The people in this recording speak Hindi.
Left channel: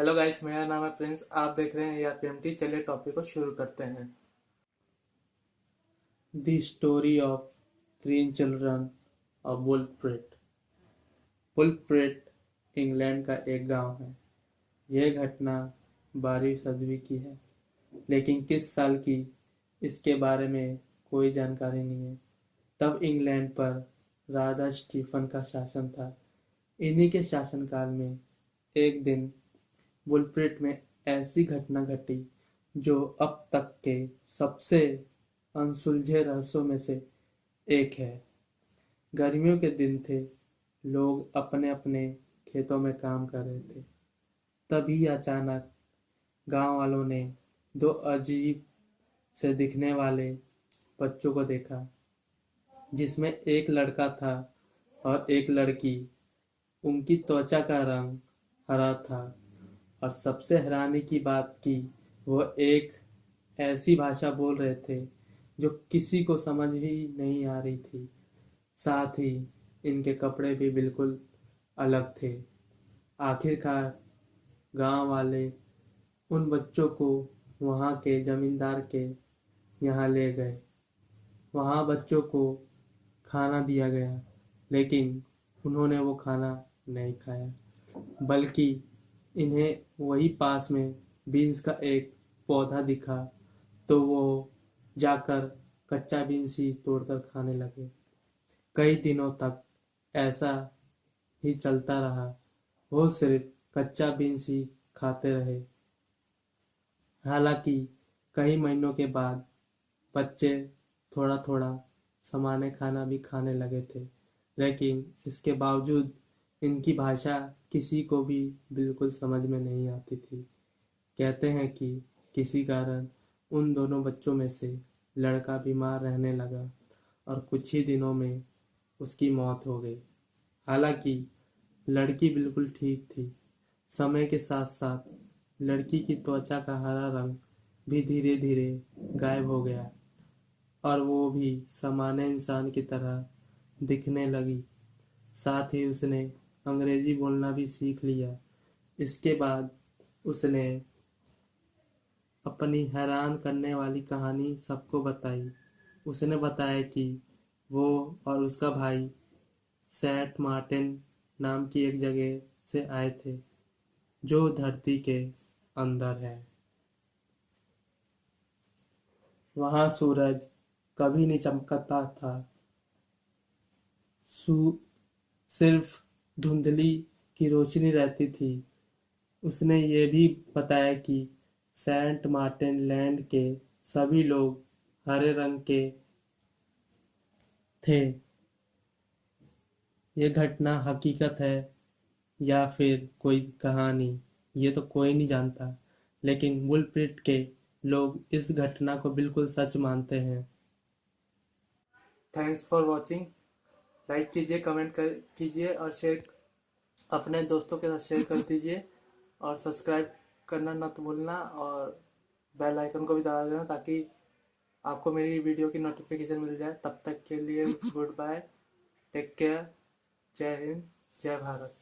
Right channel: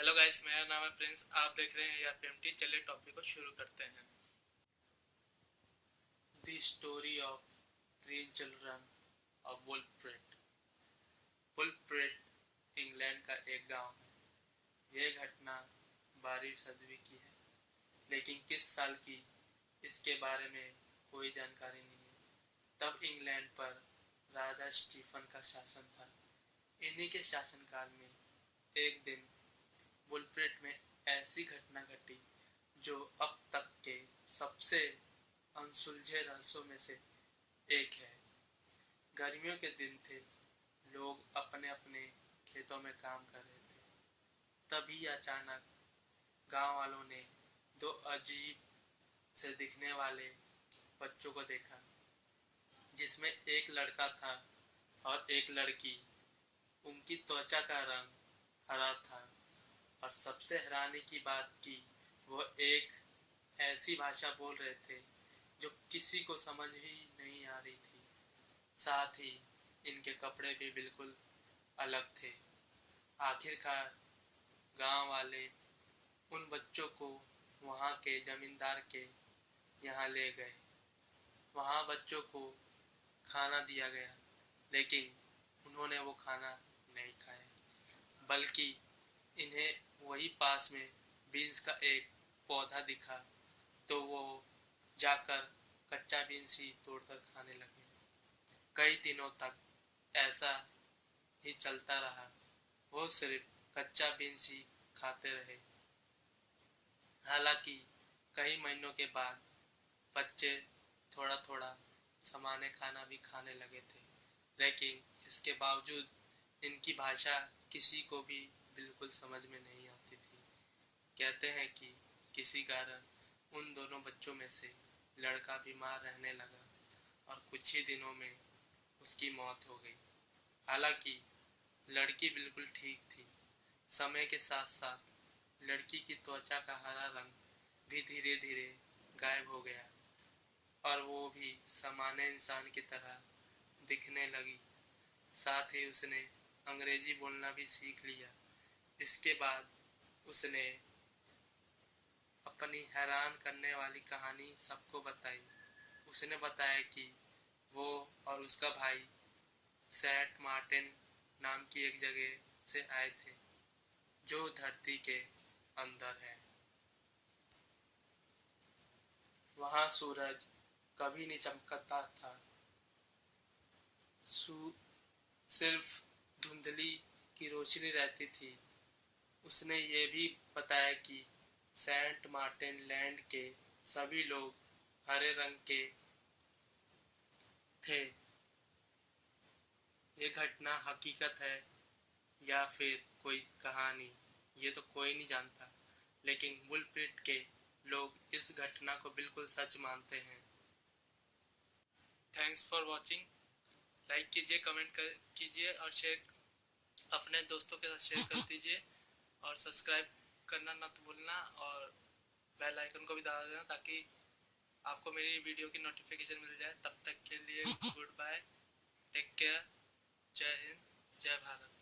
हेलो गाइस, मेरा नाम है प्रिंस। आप देख रहे हैं ARPMT। चलिए टॉपिक को शुरू करते हैं। The story of 3 children of वुलफ्रेट। वुलफ्रेट इंग्लैंड का एक गांव है। यह घटना 12वीं सदी की है, लेकिन किस साल की इसके बारे में कोई जानकारी नहीं है। तब इंग्लैंड पर राजा स्टीफन का शासन था। इन्हीं के शासनकाल में एक दिन वुलफ्रेट में ऐसी घटना घटी जो अब तक के सबसे अनसुलझे रहस्यों में से एक है। गर्मियों के दिन थे। लोग अपने अपने खेतों में काम कर रहे थे। तभी अचानक गांव वालों ने दो अजीब से दिखने वाले बच्चों को देखा, जिसमें एक लड़का था और एक लड़की। उनकी त्वचा का रंग हरा था और सबसे हैरानी की बात कि वो एक ऐसी भाषा बोल रहे थे जो किसी को समझ ही नहीं आ रही थी। साथ ही इनके कपड़े भी बिल्कुल अलग थे। आखिरकार गांव वाले उन बच्चों को वहां के जमींदार के यहाँ ले गए। वहां बच्चों को खाना दिया गया, लेकिन उन्होंने वो खाना नहीं खाया, बल्कि इन्हें वही पास में बीन्स का एक पौधा दिखा तो वो जाकर कच्चा बीन्स ही तोड़कर खाने लगे। कई दिनों तक ऐसा ही चलता रहा। वो सिर्फ कच्चा बीन्स ही खाते रहे। हालांकि कई महीनों के बाद बच्चे थोड़ा थोड़ा सामान्य खाना भी खाने लगे थे, लेकिन इसके बावजूद इनकी भाषा किसी को भी बिल्कुल समझ में नहीं आती थी। कहते हैं कि किसी कारण उन दोनों बच्चों में से लड़का बीमार रहने लगा और कुछ ही दिनों में उसकी मौत हो गई। हालांकि लड़की बिल्कुल ठीक थी। समय के साथ साथ लड़की की त्वचा का हरा रंग भी धीरे धीरे गायब हो गया और वो भी सामान्य इंसान की तरह दिखने लगी। साथ ही उसने अंग्रेजी बोलना भी सीख लिया। इसके बाद उसने अपनी हैरान करने वाली कहानी सबको बताई। उसने बताया कि वो और उसका भाई सेंट मार्टिन नाम की एक जगह से आए थे, जो धरती के अंदर है। वहां सूरज कभी नहीं चमकता था। सिर्फ धुंधली की रोशनी रहती थी। उसने ये भी बताया कि सेंट मार्टिन लैंड के सभी लोग हरे रंग के थे। ये घटना हकीकत है या फिर कोई कहानी, ये तो कोई नहीं जानता, लेकिन वुलफ्रेट के लोग इस घटना को बिल्कुल सच मानते हैं। Thanks for watching. लाइक कीजिए, कमेंट कीजिए और शेयर अपने दोस्तों के साथ शेयर कर दीजिए। और सब्सक्राइब करना ना तो भूलना, और बेल आइकन को भी दबा देना ताकि आपको मेरी वीडियो की नोटिफिकेशन मिल जाए। तब तक के लिए गुड बाय, टेक केयर, जय हिंद, जय भारत।